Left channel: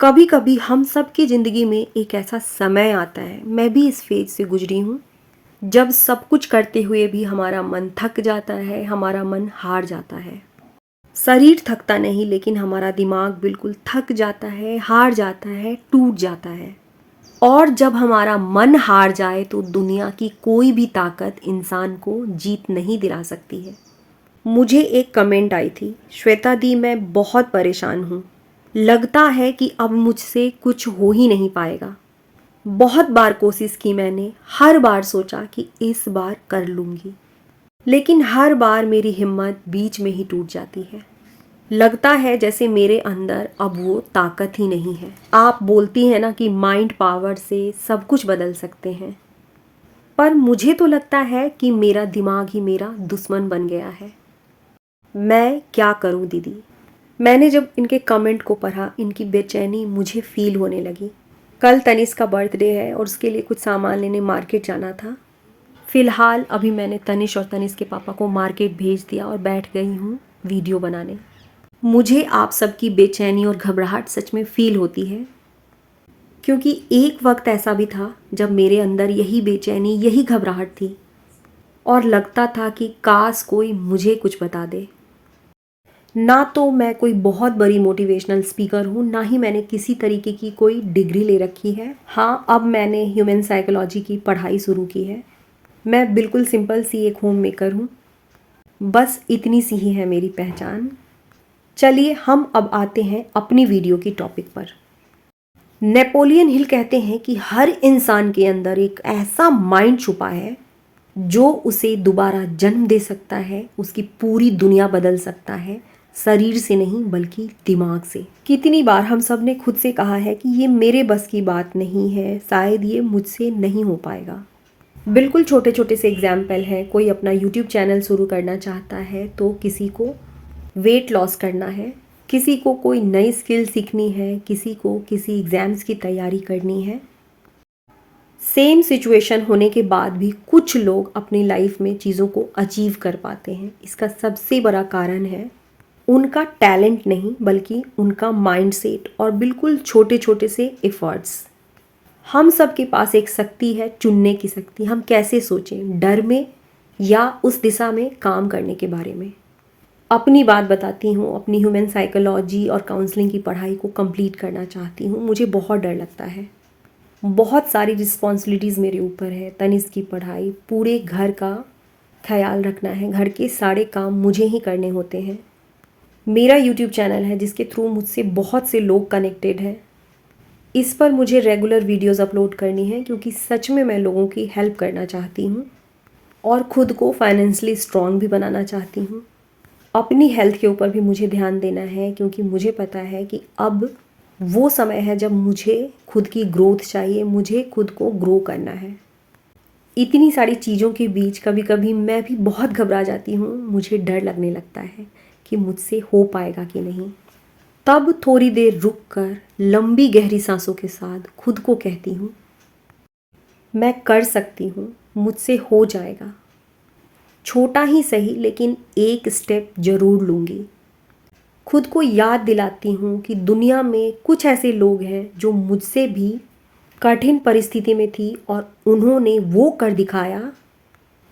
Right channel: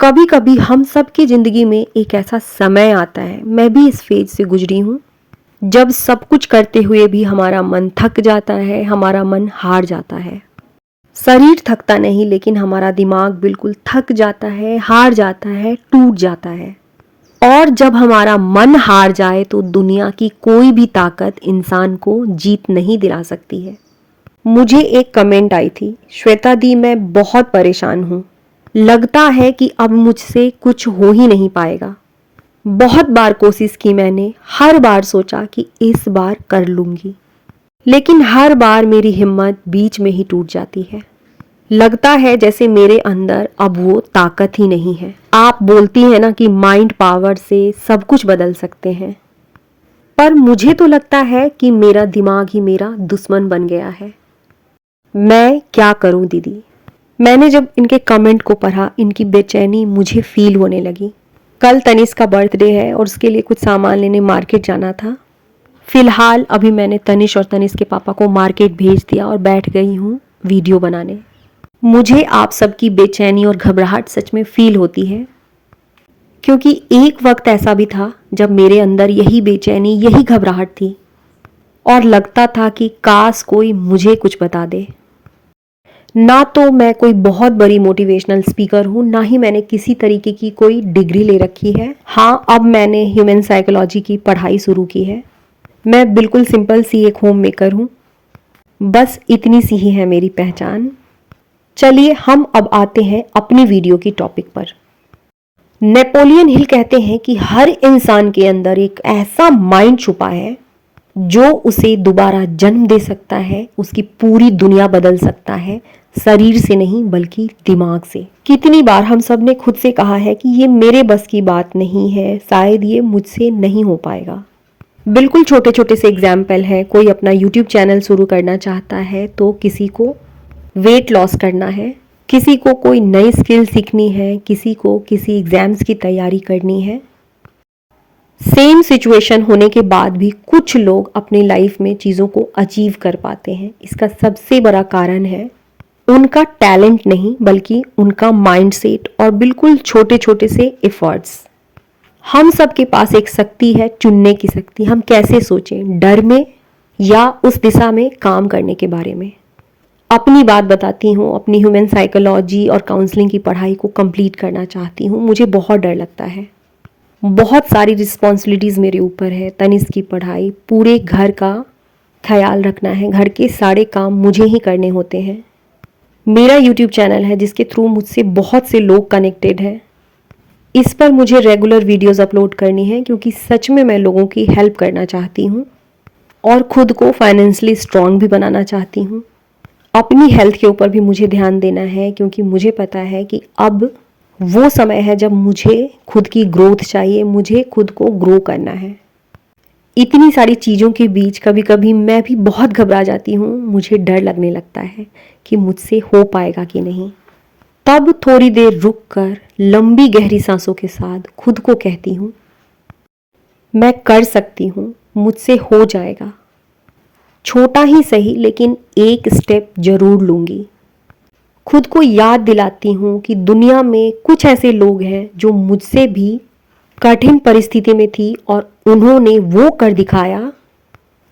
कभी कभी हम सब की ज़िंदगी में एक ऐसा समय आता है, मैं भी इस फेज से गुजरी हूँ, जब सब कुछ करते हुए भी हमारा मन थक जाता है, हमारा मन हार जाता है। शरीर थकता नहीं, लेकिन हमारा दिमाग बिल्कुल थक जाता है, हार जाता है, टूट जाता है। और जब हमारा मन हार जाए तो दुनिया की कोई भी ताकत इंसान को जीत नहीं दिला सकती है। मुझे एक कमेंट आई थी, श्वेता दी मैं बहुत परेशान हूँ, लगता है कि अब मुझसे कुछ हो ही नहीं पाएगा। बहुत बार कोशिश की मैंने, हर बार सोचा कि इस बार कर लूंगी, लेकिन हर बार मेरी हिम्मत बीच में ही टूट जाती है। लगता है जैसे मेरे अंदर अब वो ताकत ही नहीं है। आप बोलती हैं ना कि माइंड पावर से सब कुछ बदल सकते हैं, पर मुझे तो लगता है कि मेरा दिमाग ही मेरा दुश्मन बन गया है। मैं क्या करूं दीदी? मैंने जब इनके कमेंट को पढ़ा, इनकी बेचैनी मुझे फील होने लगी। कल तनिष्क का बर्थडे है और उसके लिए कुछ सामान लेने मार्केट जाना था। फिलहाल अभी मैंने तनिष्क और तनिष्क के पापा को मार्केट भेज दिया और बैठ गई हूँ वीडियो बनाने। मुझे आप सबकी बेचैनी और घबराहट सच में फील होती है, क्योंकि एक वक्त ऐसा भी था जब मेरे अंदर यही बेचैनी, यही घबराहट थी और लगता था कि काश कोई मुझे कुछ बता दे। ना तो मैं कोई बहुत बड़ी मोटिवेशनल स्पीकर हूँ, ना ही मैंने किसी तरीके की कोई डिग्री ले रखी है। हाँ, अब मैंने ह्यूमन साइकोलॉजी की पढ़ाई शुरू की है। मैं बिल्कुल सिंपल सी एक होम मेकर हूँ, बस इतनी सी ही है मेरी पहचान। चलिए हम अब आते हैं अपनी वीडियो की टॉपिक पर। नेपोलियन हिल कहते हैं कि हर इंसान के अंदर एक ऐसा माइंड छुपा है जो उसे दोबारा जन्म दे सकता है, उसकी पूरी दुनिया बदल सकता है, शरीर से नहीं बल्कि दिमाग से। कितनी बार हम सब ने खुद से कहा है कि ये मेरे बस की बात नहीं है, शायद ये मुझसे नहीं हो पाएगा। बिल्कुल छोटे छोटे से एग्जाम्पल है। कोई अपना यूट्यूब चैनल शुरू करना चाहता है, तो किसी को वेट लॉस करना है, किसी को कोई नई स्किल सीखनी है, किसी को किसी एग्जाम्स की तैयारी करनी है। सेम सिचुएशन होने के बाद भी कुछ लोग अपनी लाइफ में चीज़ों को अचीव कर पाते हैं। इसका सबसे बड़ा कारण है उनका टैलेंट नहीं, बल्कि उनका माइंडसेट और बिल्कुल छोटे छोटे से एफर्ट्स। हम सब के पास एक शक्ति है, चुनने की शक्ति। हम कैसे सोचें, डर में या उस दिशा में काम करने के बारे में। अपनी बात बताती हूँ, अपनी ह्यूमन साइकोलॉजी और काउंसलिंग की पढ़ाई को कंप्लीट करना चाहती हूँ। मुझे बहुत डर लगता है, बहुत सारी रिस्पॉन्सिबिलिटीज़ मेरे ऊपर है। तनिष्क की पढ़ाई, पूरे घर का ख्याल रखना है, घर के सारे काम मुझे ही करने होते हैं। मेरा यूट्यूब चैनल है जिसके थ्रू मुझसे बहुत से लोग कनेक्टेड हैं। इस पर मुझे रेगुलर वीडियोस अपलोड करनी है, क्योंकि सच में मैं लोगों की हेल्प करना चाहती हूँ और खुद को फाइनेंशियली स्ट्रांग भी बनाना चाहती हूँ। अपनी हेल्थ के ऊपर भी मुझे ध्यान देना है, क्योंकि मुझे पता है कि अब वो समय है जब मुझे खुद की ग्रोथ चाहिए, मुझे खुद को ग्रो करना है। इतनी सारी चीज़ों के बीच कभी कभी मैं भी बहुत घबरा जाती हूँ। मुझे डर लगने लगता है कि मुझसे हो पाएगा कि नहीं। तब थोड़ी देर रुक कर लंबी गहरी सांसों के साथ खुद को कहती हूँ, मैं कर सकती हूँ, मुझसे हो जाएगा। छोटा ही सही, लेकिन एक स्टेप जरूर लूँगी। खुद को याद दिलाती हूँ कि दुनिया में कुछ ऐसे लोग हैं जो मुझसे भी कठिन परिस्थिति में थी और उन्होंने वो कर दिखाया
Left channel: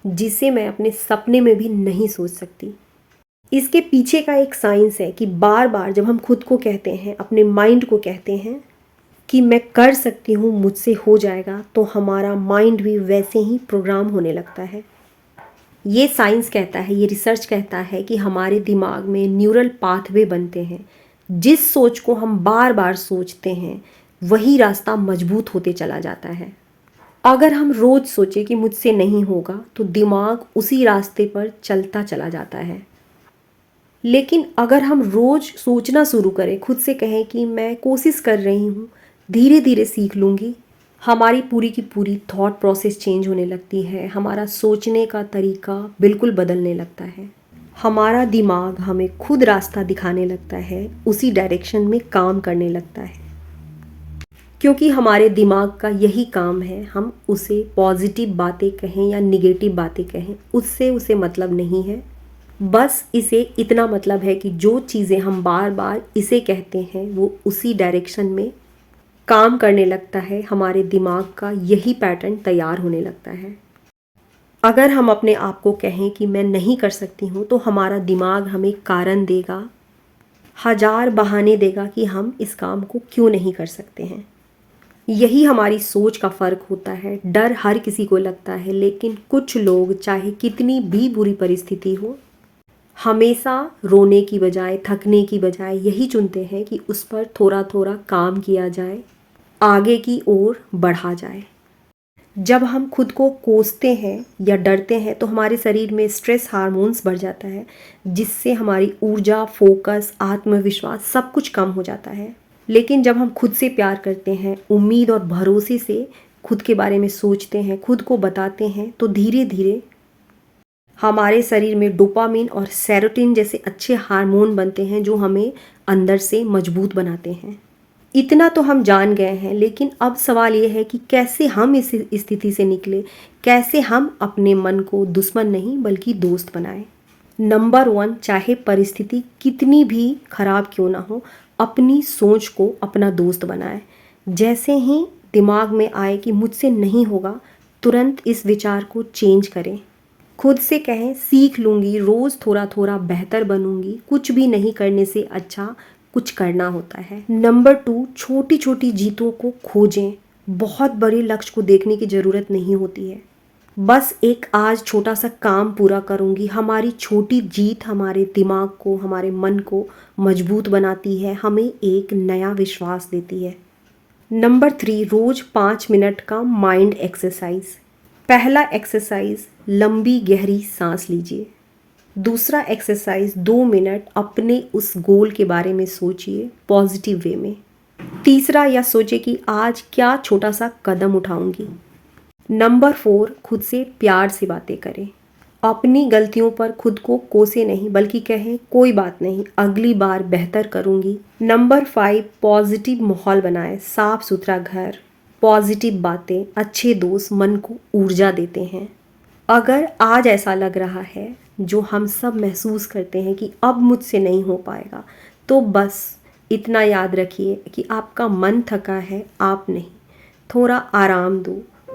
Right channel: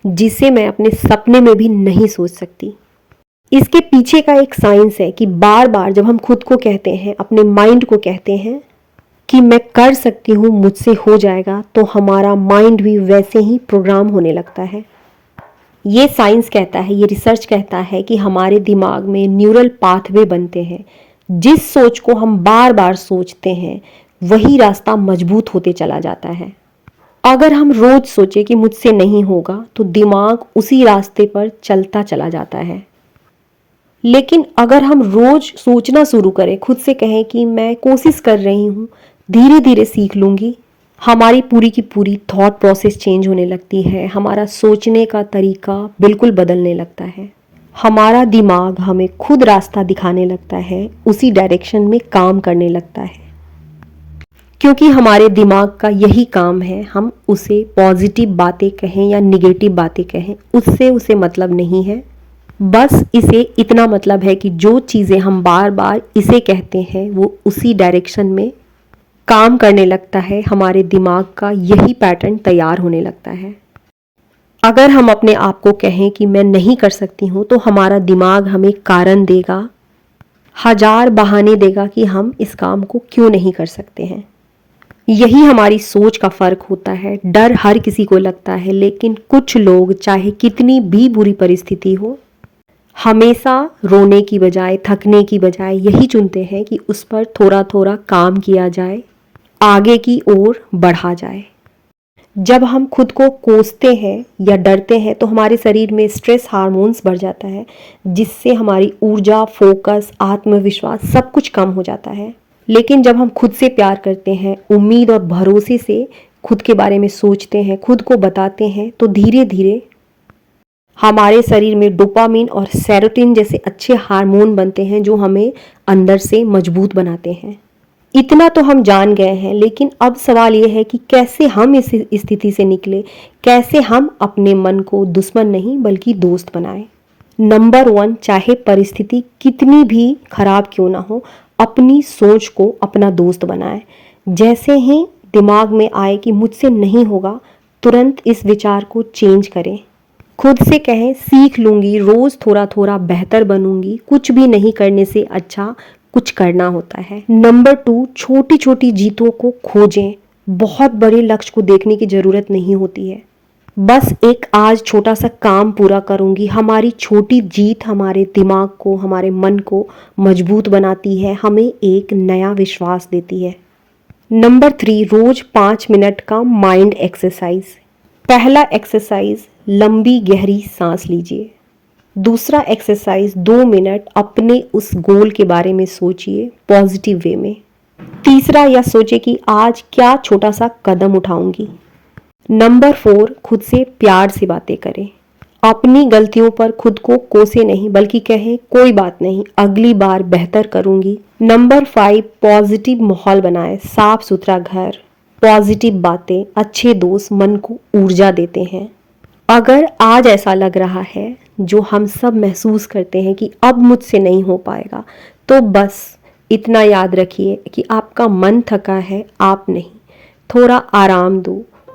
जिसे मैं अपने सपने में भी नहीं सोच सकती। इसके पीछे का एक साइंस है कि बार बार जब हम खुद को कहते हैं, अपने माइंड को कहते हैं कि मैं कर सकती हूँ, मुझसे हो जाएगा, तो हमारा माइंड भी वैसे ही प्रोग्राम होने लगता है। ये साइंस कहता है, ये रिसर्च कहता है कि हमारे दिमाग में न्यूरल पाथवे बनते हैं। जिस सोच को हम बार बार सोचते हैं, वही रास्ता मजबूत होते चला जाता है। अगर हम रोज सोचे कि मुझसे नहीं होगा, तो दिमाग उसी रास्ते पर चलता चला जाता है। लेकिन अगर हम रोज सोचना शुरू करें, खुद से कहें कि मैं कोशिश कर रही हूँ, धीरे धीरे सीख लूँगी, हमारी पूरी की पूरी थॉट प्रोसेस चेंज होने लगती है। हमारा सोचने का तरीका बिल्कुल बदलने लगता है। हमारा दिमाग हमें खुद रास्ता दिखाने लगता है, उसी डायरेक्शन में काम करने लगता है। क्योंकि हमारे दिमाग का यही काम है, हम उसे पॉजिटिव बातें कहें या निगेटिव बातें कहें, उससे उसे मतलब नहीं है। बस इसे इतना मतलब है कि जो चीज़ें हम बार बार इसे कहते हैं वो उसी डायरेक्शन में काम करने लगता है, हमारे दिमाग का यही पैटर्न तैयार होने लगता है। अगर हम अपने आप को कहें कि मैं नहीं कर सकती हूँ, तो हमारा दिमाग हमें कारण देगा, हजार बहाने देगा कि हम इस काम को क्यों नहीं कर सकते हैं। यही हमारी सोच का फ़र्क होता है। डर हर किसी को लगता है, लेकिन कुछ लोग चाहे कितनी भी बुरी परिस्थिति हो, हमेशा रोने की बजाय, थकने की बजाय यही चुनते हैं कि उस पर थोड़ा थोड़ा काम किया जाए, आगे की ओर बढ़ा जाए। जब हम खुद को कोसते हैं या डरते हैं तो हमारे शरीर में स्ट्रेस हार्मोन्स बढ़ जाता है, जिससे हमारी ऊर्जा, फोकस, आत्मविश्वास सब कुछ कम हो जाता है। लेकिन जब हम खुद से प्यार करते हैं, उम्मीद और भरोसे से खुद के बारे में सोचते हैं, खुद को बताते हैं, तो धीरे धीरे हमारे शरीर में डोपामिन और सेरोटोनिन जैसे अच्छे हार्मोन बनते हैं जो हमें अंदर से मजबूत बनाते हैं। इतना तो हम जान गए हैं, लेकिन अब सवाल यह है कि कैसे हम इस स्थिति से निकले, कैसे हम अपने मन को दुश्मन नहीं बल्कि दोस्त बनाएं। नंबर 1, चाहे परिस्थिति कितनी भी खराब क्यों ना हो, अपनी सोच को अपना दोस्त बनाएं। जैसे ही दिमाग में आए कि मुझसे नहीं होगा, तुरंत इस विचार को चेंज करें। खुद से कहें, सीख लूंगी, रोज थोड़ा थोड़ा बेहतर बनूंगी, कुछ भी नहीं करने से अच्छा कुछ करना होता है। नंबर 2, छोटी छोटी जीतों को खोजें। बहुत बड़े लक्ष्य को देखने की जरूरत नहीं होती है। बस एक आज छोटा सा काम पूरा करूंगी। हमारी छोटी जीत हमारे दिमाग को, हमारे मन को मजबूत बनाती है, हमें एक नया विश्वास देती है। नंबर 3, रोज 5 मिनट का माइंड एक्सरसाइज। पहला एक्सरसाइज, लंबी गहरी सांस लीजिए। दूसरा एक्सरसाइज, 2 मिनट अपने उस गोल के बारे में सोचिए पॉजिटिव वे में। तीसरा, यह सोचे कि आज क्या छोटा सा कदम उठाऊंगी। नंबर 4, खुद से प्यार से बातें करें। अपनी गलतियों पर खुद को कोसे नहीं, बल्कि कहें कोई बात नहीं, अगली बार बेहतर करूंगी। नंबर 5, पॉजिटिव माहौल बनाएं। साफ सुथरा घर, पॉजिटिव बातें, अच्छे दोस्त मन को ऊर्जा देते हैं। अगर आज ऐसा लग रहा है, जो हम सब महसूस करते हैं कि अब मुझसे नहीं हो पाएगा, तो बस इतना याद रखिए कि आपका मन थका है, आप नहीं। थोड़ा आराम दो,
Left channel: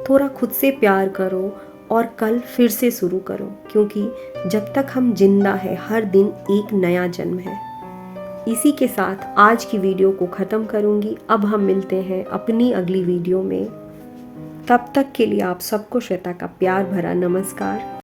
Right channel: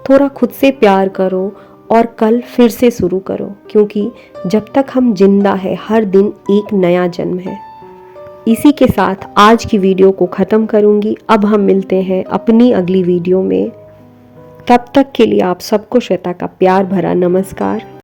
थोड़ा खुद से प्यार करो और कल फिर से शुरू करो, क्योंकि जब तक हम जिंदा है, हर दिन एक नया जन्म है। इसी के साथ आज की वीडियो को ख़त्म करूंगी। अब हम मिलते हैं अपनी अगली वीडियो में। तब तक के लिए आप सबको श्वेता का प्यार भरा नमस्कार।